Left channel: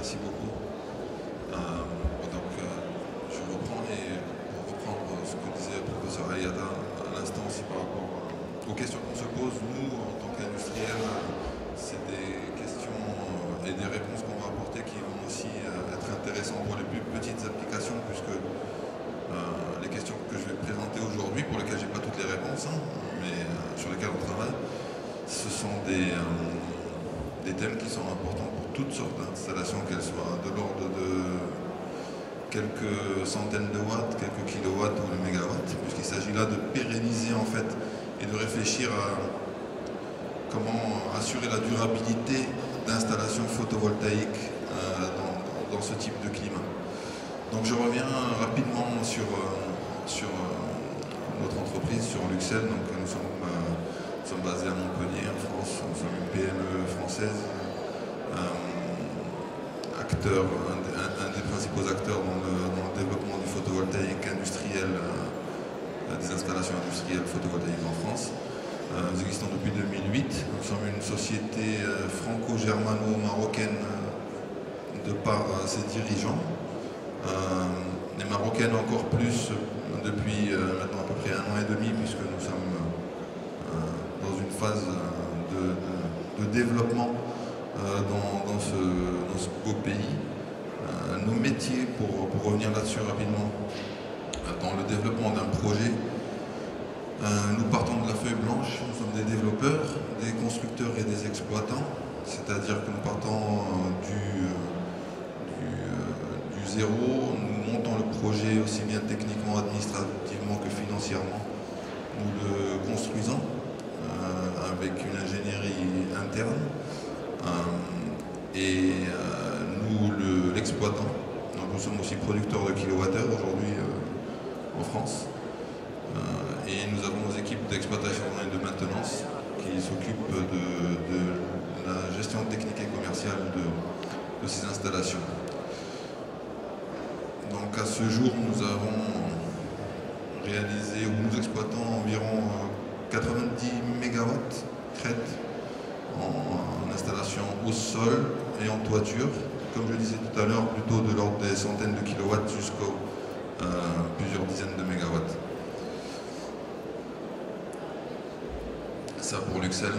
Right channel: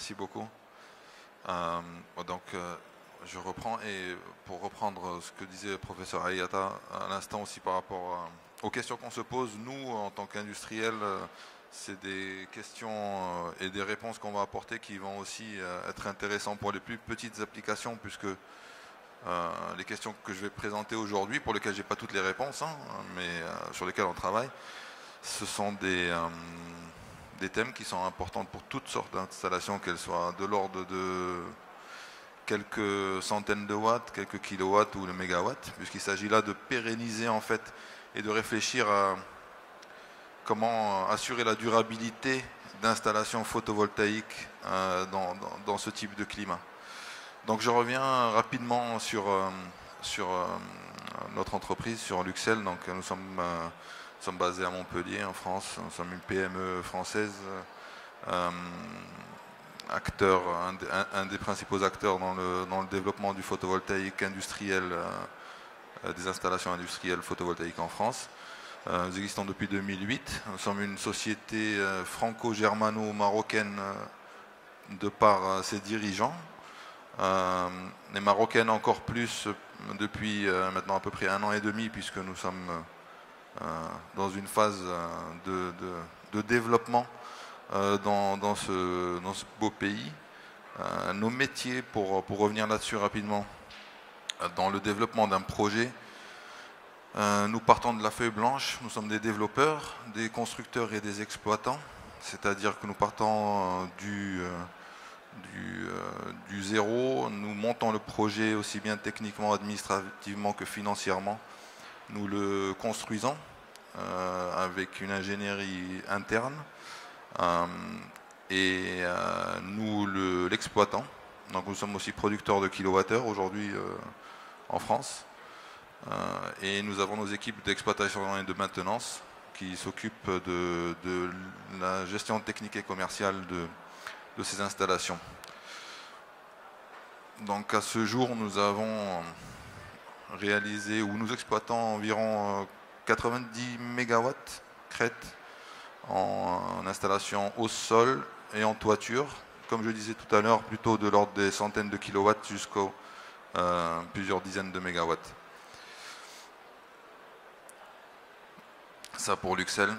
Merci beaucoup. Je reprends et pour reprendre ce que disait le professeur Ayada à l'instant aussi par rapport aux questions qu'on se pose, nous en tant qu'industriels, c'est des questions et des réponses qu'on va apporter qui vont aussi être intéressantes pour les plus petites applications, puisque les questions que je vais présenter aujourd'hui, pour lesquelles je n'ai pas toutes les réponses, mais sur lesquelles on travaille, ce sont des thèmes qui sont importants pour toutes sortes d'installations, qu'elles soient de l'ordre de quelques centaines de watts, quelques kilowatts ou de mégawatts, puisqu'il s'agit là de pérenniser en fait et de réfléchir à comment assurer la durabilité d'installations photovoltaïques dans ce type de climat. Donc je reviens rapidement sur notre entreprise, sur Luxel. Donc nous sommes basés à Montpellier, en France. Nous sommes une PME française, un des principaux acteurs dans le développement du photovoltaïque industriel, des installations industrielles photovoltaïques en France. Nous existons depuis 2008. Nous sommes une société franco-germano-marocaine de par ses dirigeants. Les Marocaines encore plus depuis maintenant à peu près 1 an et demi, puisque nous sommes dans une phase de développement dans ce beau pays. Nos métiers, pour revenir là-dessus rapidement, dans le développement d'un projet, nous partons de la feuille blanche. Nous sommes des développeurs, des constructeurs et des exploitants, c'est-à-dire que nous partons du zéro, nous montons le projet aussi bien techniquement, administrativement que financièrement. Nous le construisons avec une ingénierie interne et nous l'exploitons. Donc nous sommes aussi producteurs de kilowattheures aujourd'hui en France. Et nous avons nos équipes d'exploitation et de maintenance qui s'occupent de la gestion technique et commerciale de ces installations. Donc à ce jour, nous avons réalisé, ou nous exploitons environ 90 MW crête en installation au sol et en toiture, comme je le disais tout à l'heure, plutôt de l'ordre des centaines de kilowatts jusqu'aux plusieurs dizaines de mégawatts. Ça pour Luxel,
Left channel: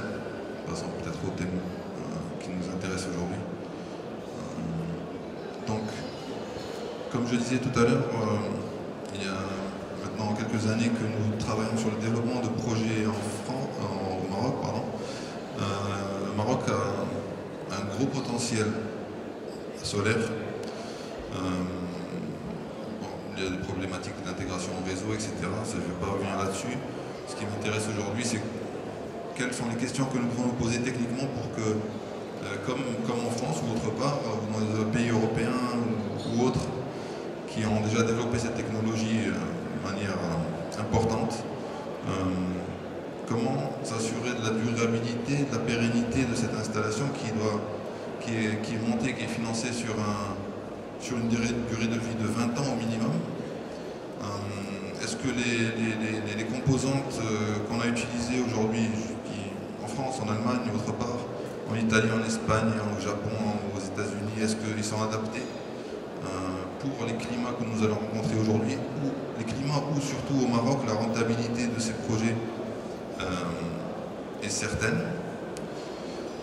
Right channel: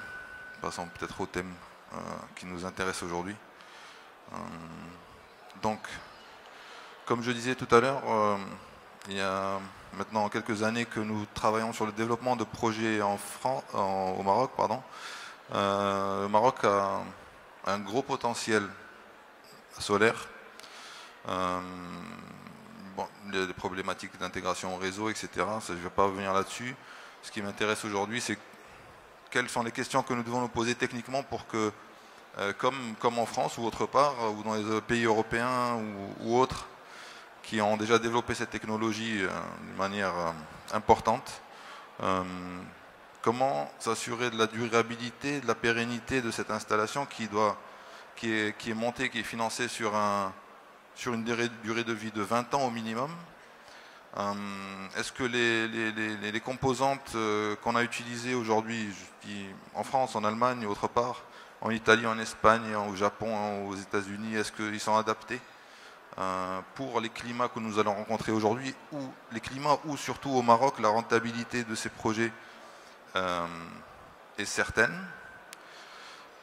passons peut-être au thème qui nous intéresse aujourd'hui. Donc, comme je le disais tout à l'heure, il y a maintenant quelques années que nous travaillons sur le développement de projets au Maroc. Le Maroc a un gros potentiel solaire. Les problématiques d'intégration au réseau, etc. Ça, je ne vais pas revenir là-dessus. Ce qui m'intéresse aujourd'hui, c'est quelles sont les questions que nous devons nous poser techniquement pour que, comme en France ou autre part, ou dans les pays européens ou autres, qui ont déjà développé cette technologie de manière importante, comment s'assurer de la durabilité, de la pérennité de cette installation qui est montée, qui est financée sur une durée de vie de 20 ans au minimum. Est-ce que les composantes qu'on a utilisées aujourd'hui en France, en Allemagne et autre part, en Italie, en Espagne, au Japon, aux États-Unis, est-ce qu'ils sont adaptés pour les climats que nous allons rencontrer aujourd'hui, ou les climats où surtout au Maroc la rentabilité de ces projets est certaine.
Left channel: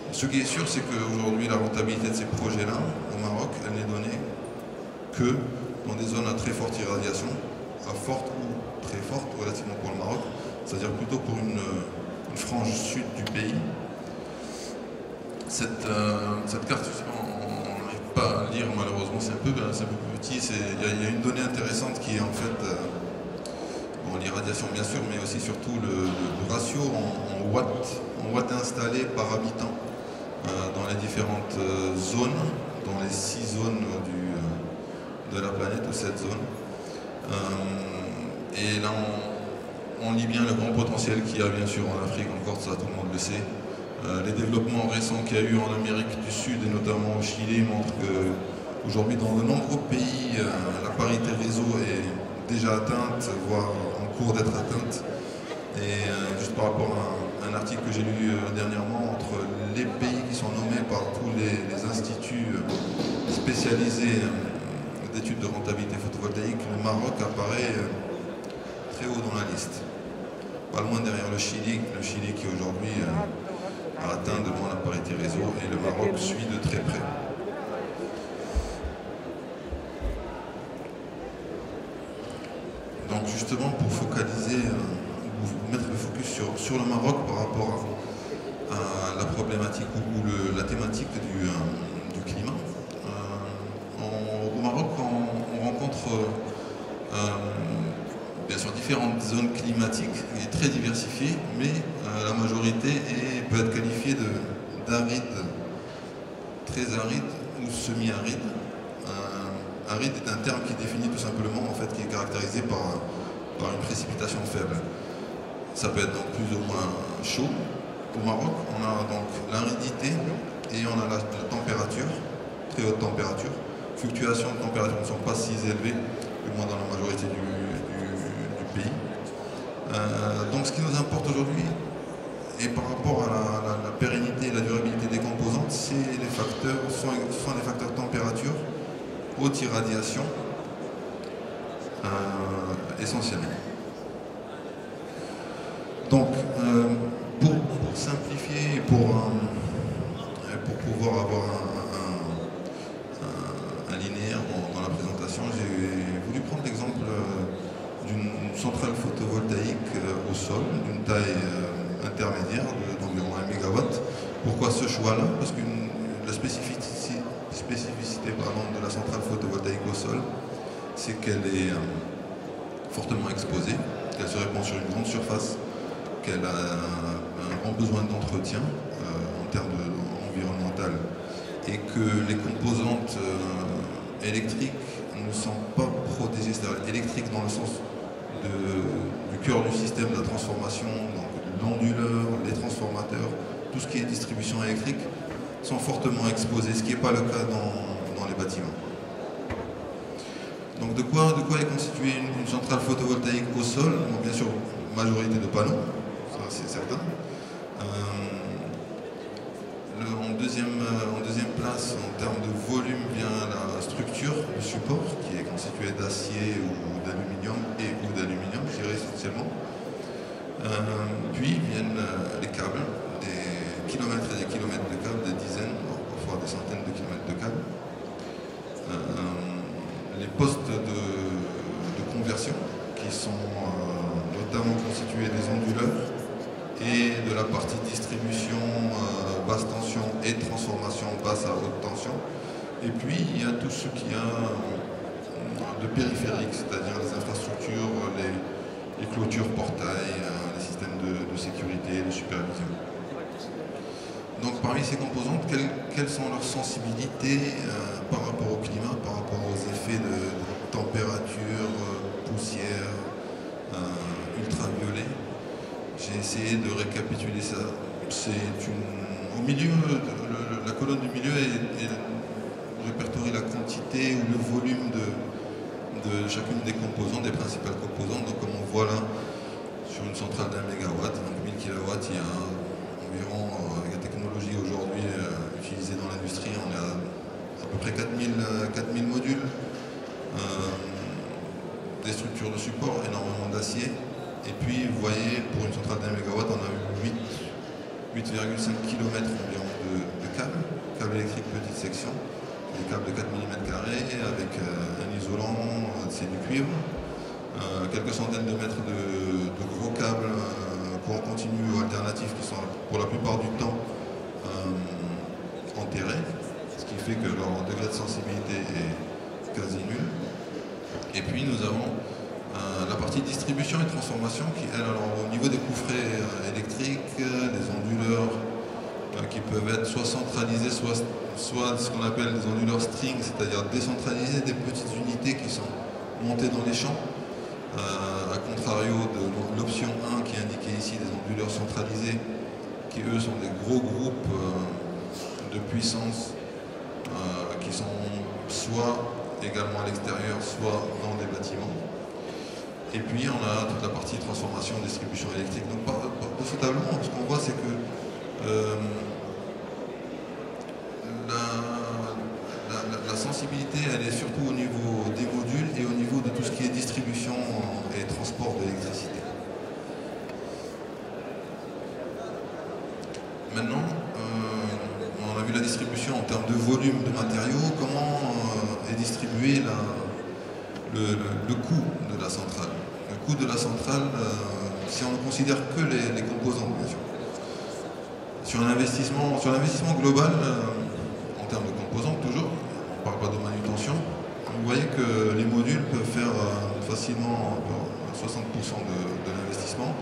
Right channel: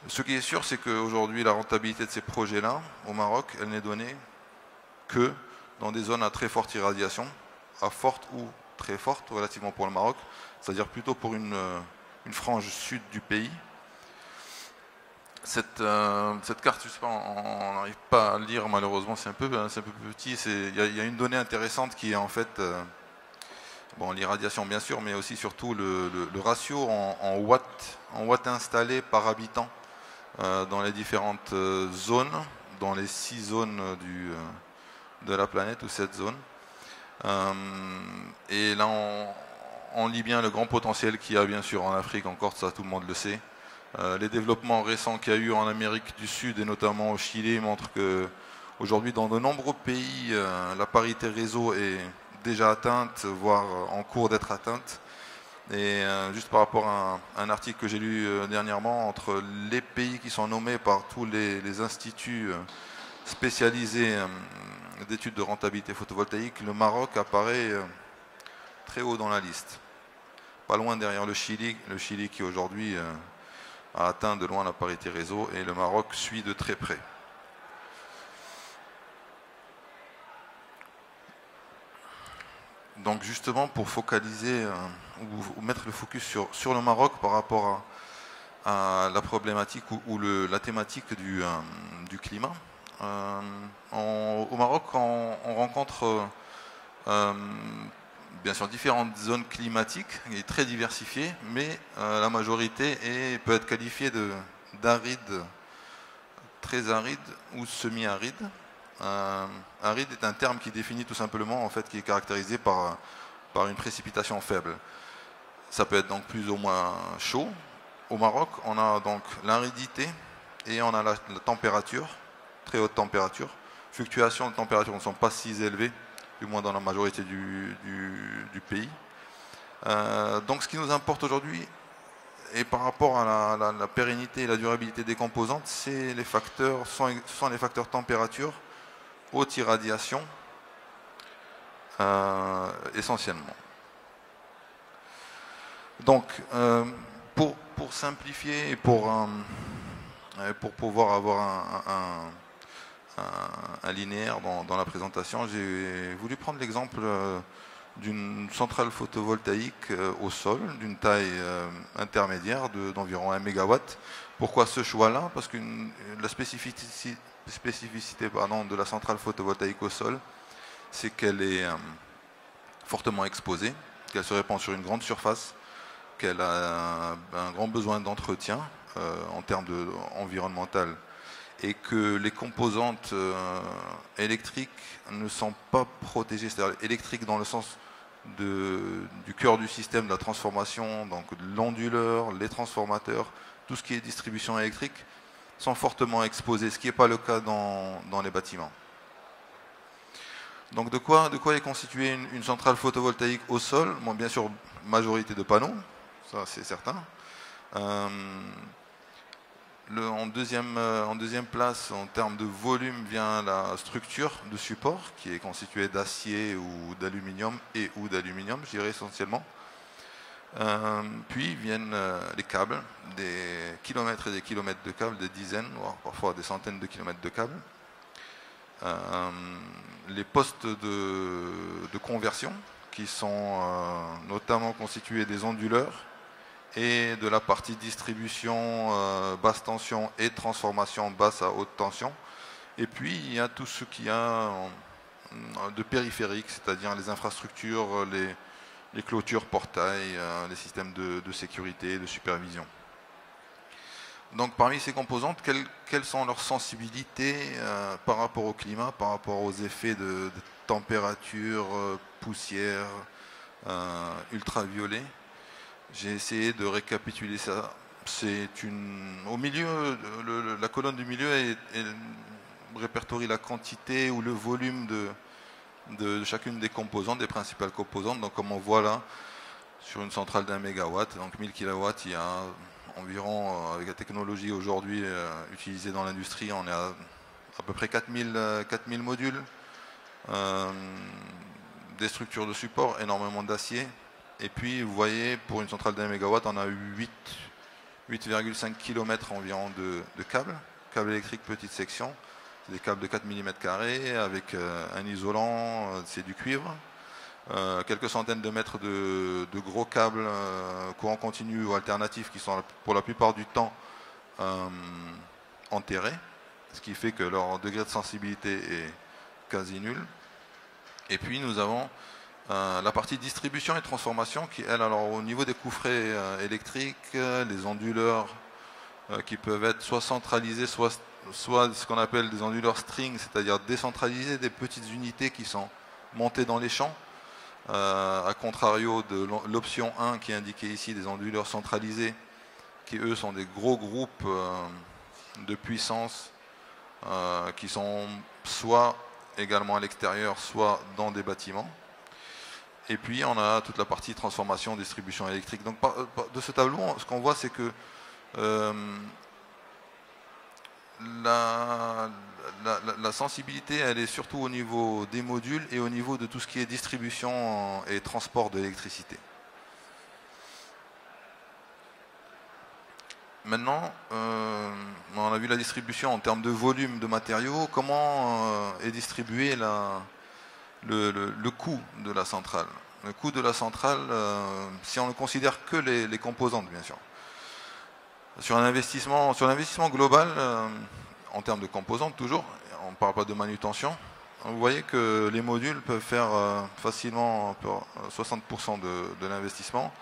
Ce qui est sûr, c'est qu'aujourd'hui la rentabilité de ces projets-là au Maroc, elle n'est donnée que dans des zones à très forte irradiation, à forte ou très forte relativement pour le Maroc, c'est-à-dire plutôt pour une frange sud du pays. Cette carte, on n'arrive pas à lire malheureusement, c'est un peu petit. Il y a une donnée intéressante qui est en fait l'irradiation bien sûr, mais aussi surtout le ratio en watts installés par habitant dans les différentes zones, dans les 6 zones de la planète, de cette zone. Et là, on lit bien le grand potentiel qu'il y a bien sûr en Afrique, encore ça tout le monde le sait. Les développements récents qu'il y a eu en Amérique du Sud et notamment au Chili montrent qu'aujourd'hui dans de nombreux pays, la parité réseau est déjà atteinte, voire en cours d'être atteinte. Et juste par rapport à un article que j'ai lu dernièrement, entre les pays qui sont nommés par tous les instituts spécialisé d'études de rentabilité photovoltaïque, le Maroc apparaît très haut dans la liste. Pas loin derrière le Chili qui aujourd'hui a atteint de loin la parité réseau, et le Maroc suit de très près. Donc justement, pour focaliser, mettre le focus sur le Maroc par rapport à la problématique ou la thématique du climat. Au Maroc, on rencontre bien sûr différentes zones climatiques et très diversifiées, mais la majorité peut être qualifiée d'aride, très aride ou semi-aride. Aride est un terme qui définit tout simplement, en fait, qui est caractérisé par une précipitation faible. Ça peut être donc plus ou moins chaud. Au Maroc, on a donc l'aridité et on a la température, très haute température. Fluctuations de température ne sont pas si élevées, du moins dans la majorité du pays. Donc ce qui nous importe aujourd'hui, et par rapport à la pérennité et la durabilité des composantes, sont les facteurs température, haute irradiation, essentiellement. Donc, pour simplifier et pour pouvoir avoir un linéaire dans la présentation, j'ai voulu prendre l'exemple d'une centrale photovoltaïque au sol, d'une taille intermédiaire d'environ 1 MW. Pourquoi ce choix-là? Parce que la spécificité de la centrale photovoltaïque au sol, c'est qu'elle est fortement exposée, qu'elle se répand sur une grande surface, qu'elle a un grand besoin d'entretien en termes environnemental, et que les composantes électriques ne sont pas protégées. C'est-à-dire électriques dans le sens du cœur du système de la transformation, donc l'onduleur, les transformateurs, tout ce qui est distribution électrique, sont fortement exposés, ce qui n'est pas le cas dans les bâtiments. Donc de quoi est constituée une centrale photovoltaïque au sol? Bon, bien sûr, majorité de panneaux, ça c'est certain. En deuxième place, en termes de volume, vient la structure, le support, qui est constitué d'acier ou d'aluminium ou d'aluminium, je dirais essentiellement. Puis viennent les câbles, des kilomètres et des kilomètres de câbles, des dizaines, parfois des centaines de kilomètres de câbles. Les postes de conversion, qui sont notamment constitués des onduleurs et de la partie distribution basse tension et transformation basse à haute tension. Et puis il y a tout ce qu'il y a de périphérique, c'est-à-dire les infrastructures, les clôtures portails, les systèmes de sécurité, de supervision. Donc parmi ces composantes, quelles sont leurs sensibilités par rapport au climat, par rapport aux effets de température, poussière, ultraviolet? J'ai essayé de récapituler ça. Au milieu, la colonne du milieu répertorie la quantité ou le volume de chacune des composantes, des principales composantes. Donc comme on voit là, sur une centrale d'1 MW, donc 1000 kW, il y a environ, avec la technologie aujourd'hui utilisée dans l'industrie, on est à peu près 4000 modules, des structures de support, énormément d'acier. Et puis vous voyez, pour une centrale d'1 MW, on a eu 8,5 km environ de câbles électriques petite section, des câbles de 4 mm avec un isolant, c'est du cuivre, quelques centaines de mètres de gros câbles courant continu ou alternatifs qui sont pour la plupart du temps enterrés, ce qui fait que leur degré de sensibilité est quasi nul. Et puis nous avons la partie distribution et transformation qui, elle, alors au niveau des coufrets électriques, des onduleurs qui peuvent être soit centralisés, soit ce qu'on appelle des onduleurs string, c'est-à-dire décentralisés, des petites unités qui sont montées dans les champs, à contrario de l'option 1 qui est indiquée ici, des onduleurs centralisés, qui eux sont des gros groupes de puissance qui sont soit également à l'extérieur, soit dans des bâtiments. Et puis on a toute la partie transformation, distribution électrique. Donc de ce tableau, ce qu'on voit, c'est que la sensibilité sensibilité, elle est surtout au niveau des modules et au niveau de tout ce qui est distribution et transport d'électricité. Maintenant, on a vu la distribution en termes de volume de matériaux, comment est distribué le coût de la centrale. Le coût de la centrale, si on ne considère que les composantes, bien sûr. Sur l'investissement global, en termes de composantes toujours, on ne parle pas de manutention, vous voyez que les modules peuvent faire facilement 60% de l'investissement,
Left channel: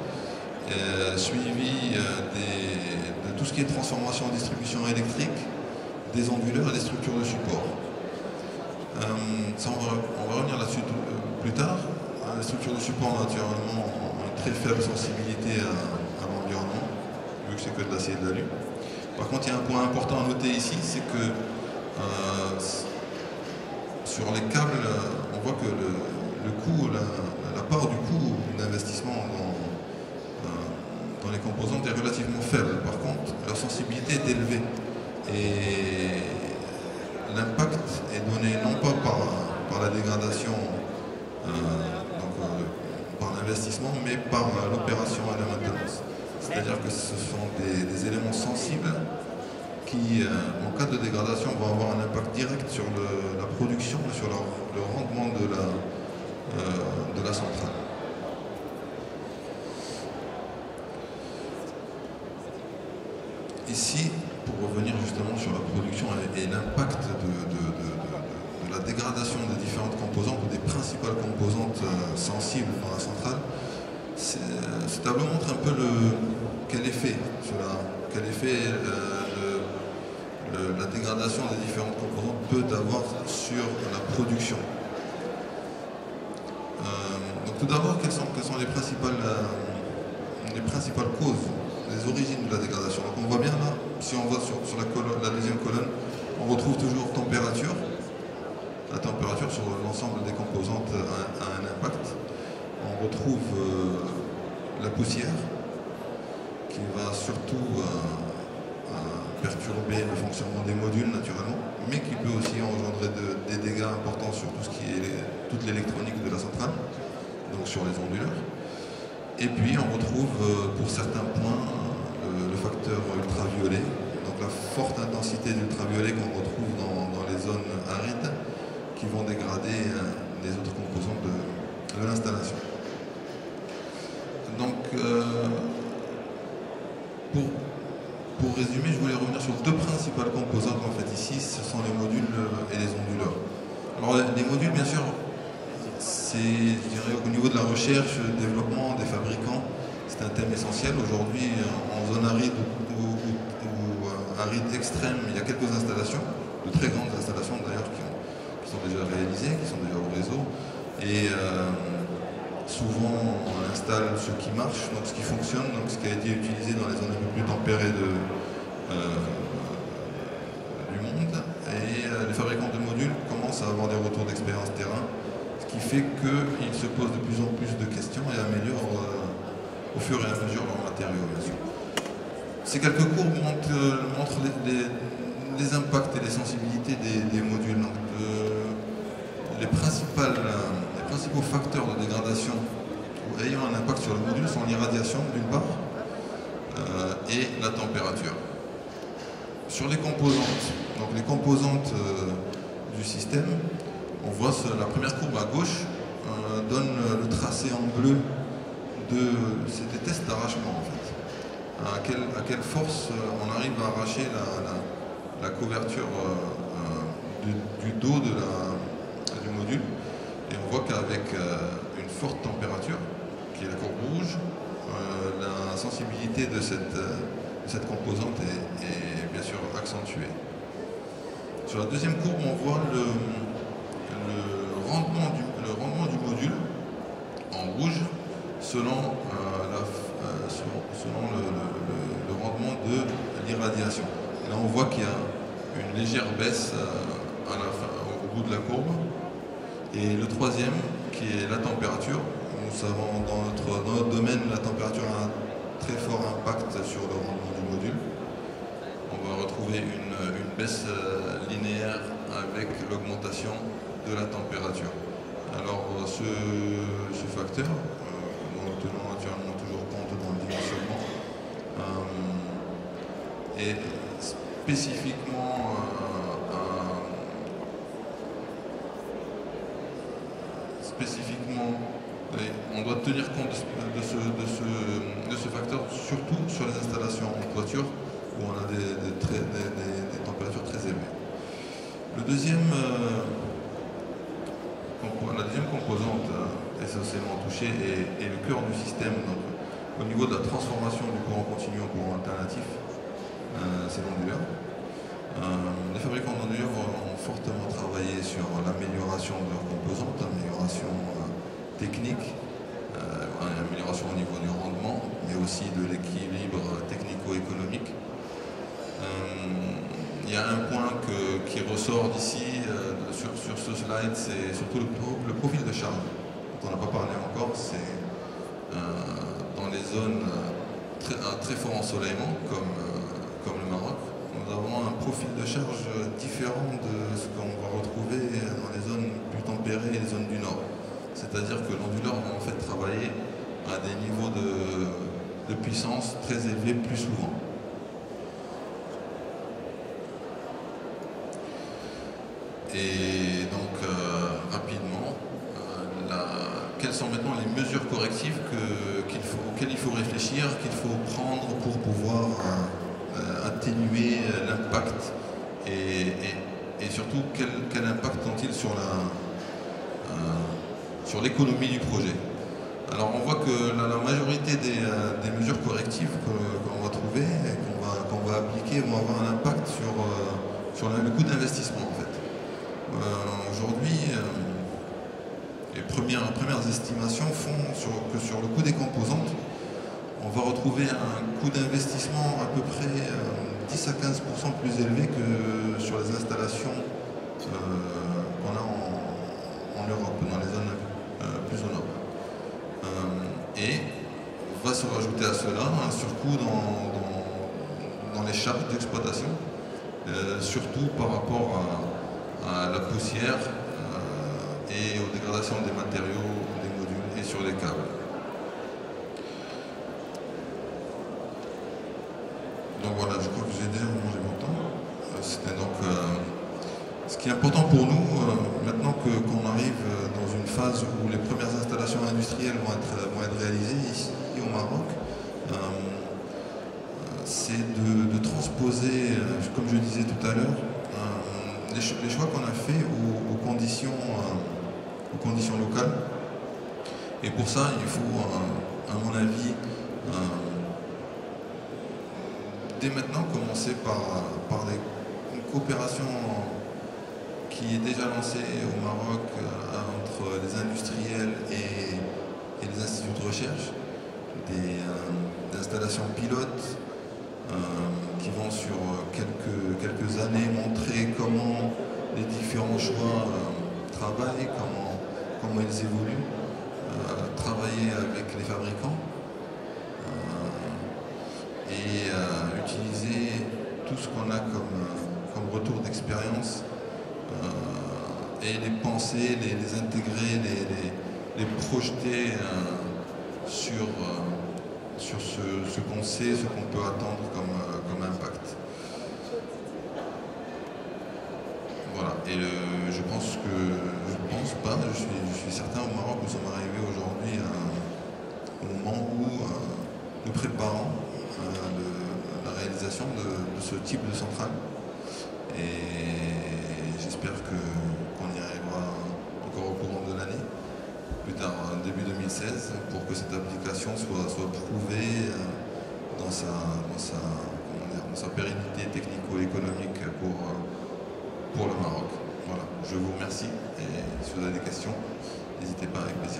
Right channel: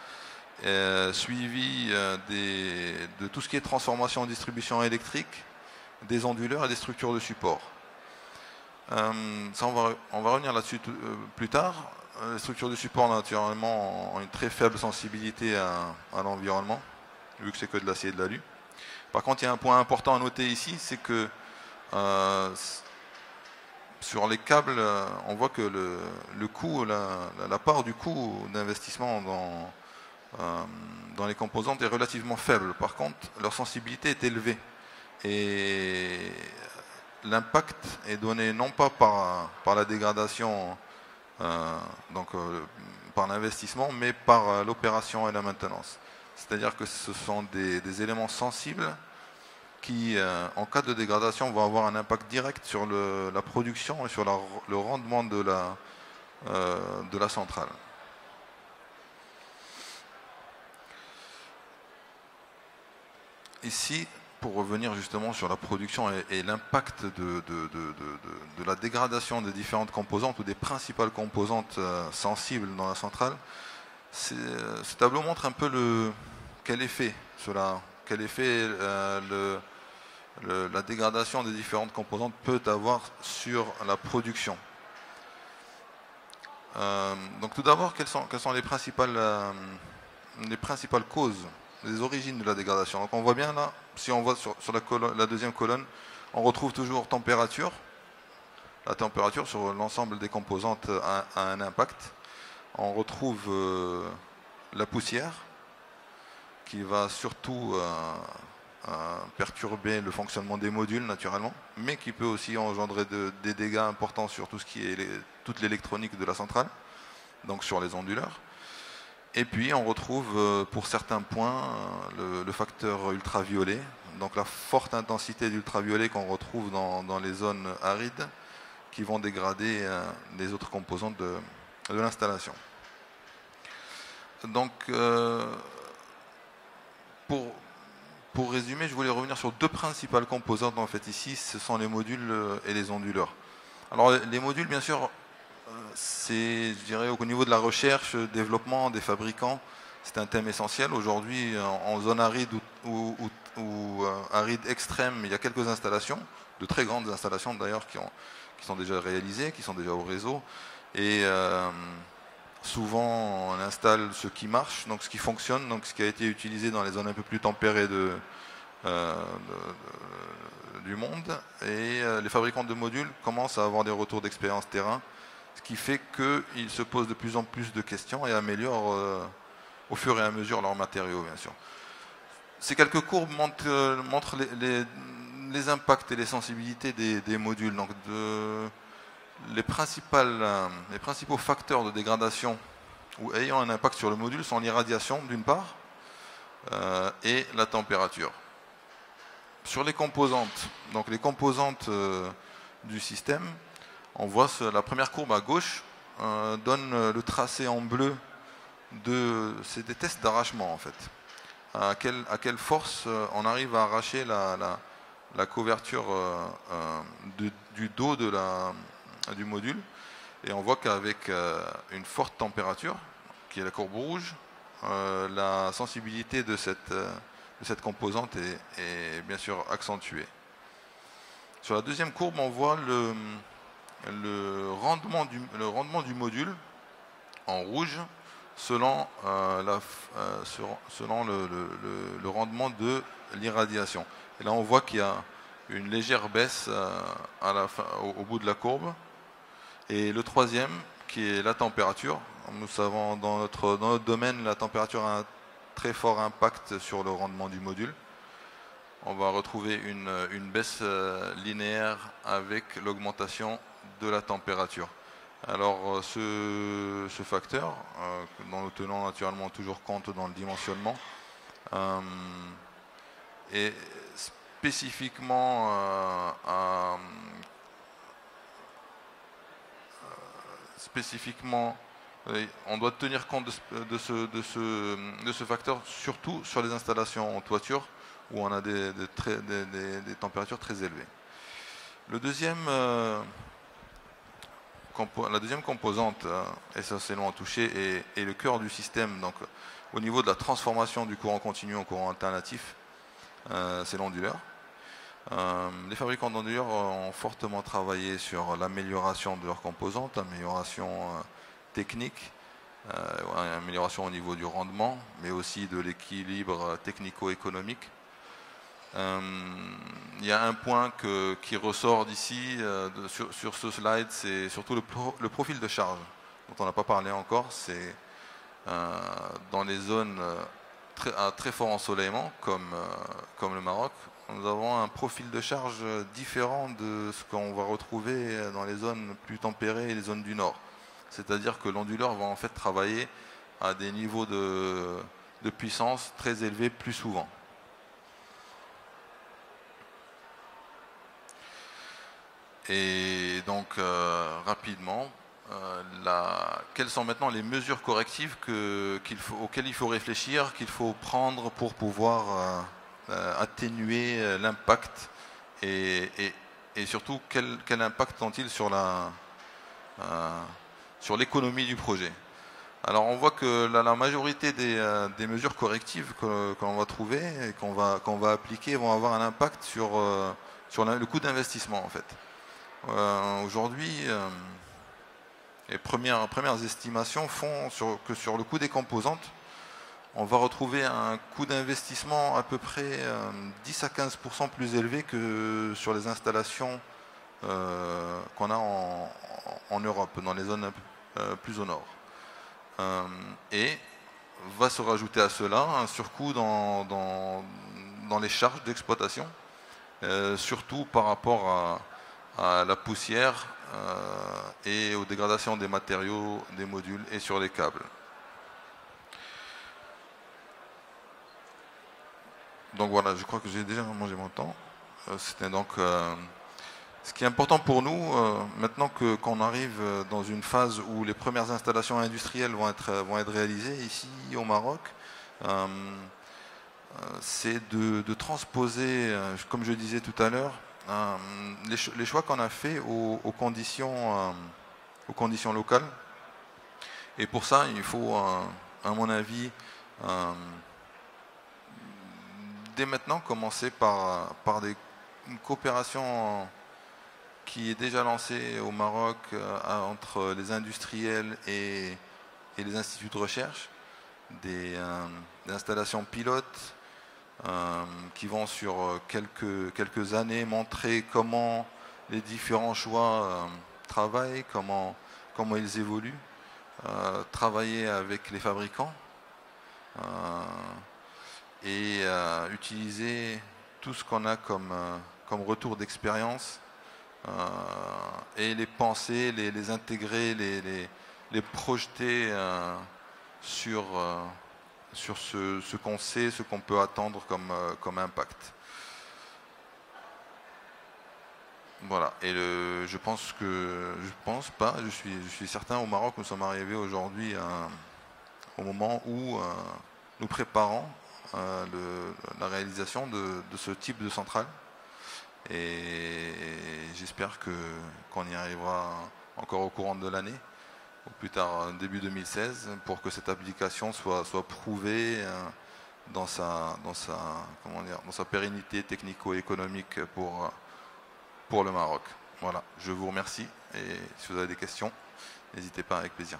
suivi de tout ce qui est transformation, distribution électrique, des onduleurs et des structures de support. Ça, on va revenir là-dessus plus tard. Les structures de support, naturellement, ont une très faible sensibilité à l'environnement, vu que c'est que de l'acier et de l'alu. Par contre, il y a un point important à noter ici, c'est que sur les câbles, on voit que le coût, la part du coût d'investissement dans les composantes est relativement faible. Par contre, leur sensibilité est élevée. Et l'impact est donné non pas par la dégradation, par l'investissement, mais par l'opération et la maintenance. C'est-à-dire que ce sont des éléments sensibles qui, en cas de dégradation, vont avoir un impact direct sur la production et sur le rendement de la centrale. Ici, pour revenir justement sur la production et l'impact de la dégradation des différentes composantes, ou des principales composantes sensibles dans la centrale, ce tableau montre un peu quel effet la dégradation des différentes composantes peut avoir sur la production. Donc tout d'abord, quelles sont les principales causes, les origines de la dégradation? Donc on voit bien là, si on voit sur la deuxième colonne, on retrouve toujours température. La température sur l'ensemble des composantes a un impact. On retrouve la poussière, qui va surtout perturber le fonctionnement des modules naturellement, mais qui peut aussi engendrer des dégâts importants sur tout ce qui est toute l'électronique de la centrale, donc sur les onduleurs. Et puis on retrouve pour certains points le facteur ultraviolet, donc la forte intensité d'ultraviolet qu'on retrouve dans les zones arides, qui vont dégrader les autres composantes de l'installation. Donc pour résumer, je voulais revenir sur deux principales composantes en fait ici, ce sont les modules et les onduleurs. Alors les modules, bien sûr, c'est, je dirais, au niveau de la recherche, le développement des fabricants, c'est un thème essentiel. Aujourd'hui, en zone aride ou aride extrême, il y a quelques installations, de très grandes installations d'ailleurs, qui sont déjà réalisées, qui sont déjà au réseau. Et souvent, on installe ce qui marche, donc ce qui fonctionne, donc ce qui a été utilisé dans les zones un peu plus tempérées du monde. Et les fabricants de modules commencent à avoir des retours d'expérience terrain, ce qui fait qu'ils se posent de plus en plus de questions et améliorent au fur et à mesure leurs matériaux. Ces quelques courbes montrent les impacts et les sensibilités des modules. Donc, les principaux facteurs de dégradation ou ayant un impact sur le module sont l'irradiation d'une part et la température. Sur les composantes, donc les composantes du système, on voit la première courbe à gauche donne le tracé en bleu c'est des tests d'arrachement en fait. À quelle force on arrive à arracher la couverture du dos du module. Et on voit qu'avec une forte température, qui est la courbe rouge, la sensibilité de cette composante est bien sûr accentuée. Sur la deuxième courbe, on voit le rendement du module en rouge selon le rendement de l'irradiation. Là, on voit qu'il y a une légère baisse au bout de la courbe. Et le troisième, qui est la température. Nous savons dans notre domaine, la température a un très fort impact sur le rendement du module. On va retrouver une baisse linéaire avec l'augmentation de la température. Alors ce facteur, dont nous tenons naturellement toujours compte dans le dimensionnement, est spécifiquement on doit tenir compte de ce facteur, surtout sur les installations en toiture où on a des températures très élevées. La deuxième composante essentiellement touchée est le cœur du système, donc au niveau de la transformation du courant continu en courant alternatif, c'est l'onduleur. Les fabricants d'onduleurs ont fortement travaillé sur l'amélioration de leurs composantes, amélioration technique, amélioration au niveau du rendement, mais aussi de l'équilibre technico-économique. Il y a un point qui ressort d'ici, sur ce slide, c'est surtout le profil de charge. On n'en a pas parlé encore, c'est dans les zones à très fort ensoleillement, comme le Maroc, nous avons un profil de charge différent de ce qu'on va retrouver dans les zones plus tempérées et les zones du nord. C'est-à-dire que l'onduleur va en fait travailler à des niveaux de puissance très élevés plus souvent. Et donc, rapidement, quelles sont maintenant les mesures correctives auxquelles il faut réfléchir, qu'il faut prendre pour pouvoir atténuer l'impact et surtout quel impact ont-ils sur l'économie du projet. Alors on voit que la majorité des mesures correctives qu'on va trouver et qu'on va appliquer vont avoir un impact sur le coût d'investissement en fait. Aujourd'hui, les premières estimations font que sur le coût des composantes, on va retrouver un coût d'investissement à peu près 10 à 15% plus élevé que sur les installations qu'on a en Europe, dans les zones plus au nord. Et va se rajouter à cela un surcoût dans les charges d'exploitation, surtout par rapport à la poussière et aux dégradations des matériaux, des modules et sur les câbles. Donc voilà, je crois que j'ai déjà mangé mon temps. C'était donc ce qui est important pour nous, maintenant qu'on arrive dans une phase où les premières installations industrielles vont être réalisées ici au Maroc, c'est de transposer, comme je le disais tout à l'heure, les choix qu'on a fait aux conditions locales. Et pour ça, il faut, à mon avis, dès maintenant commencer par une coopération qui est déjà lancée au Maroc entre les industriels et les instituts de recherche, des installations pilotes qui vont sur quelques années montrer comment les différents choix travaillent, comment ils évoluent, travailler avec les fabricants et utiliser tout ce qu'on a comme retour d'expérience et les penser, les intégrer, les projeter sur ce qu'on sait, ce qu'on peut attendre comme impact. Voilà, et je suis certain au Maroc, nous sommes arrivés aujourd'hui au moment où nous préparons la réalisation de ce type de centrale. Et j'espère qu'on y arrivera encore au courant de l'année, plus tard début 2016, pour que cette application soit prouvée dans sa pérennité technico-économique pour le Maroc. Voilà, je vous remercie et si vous avez des questions, n'hésitez pas avec plaisir.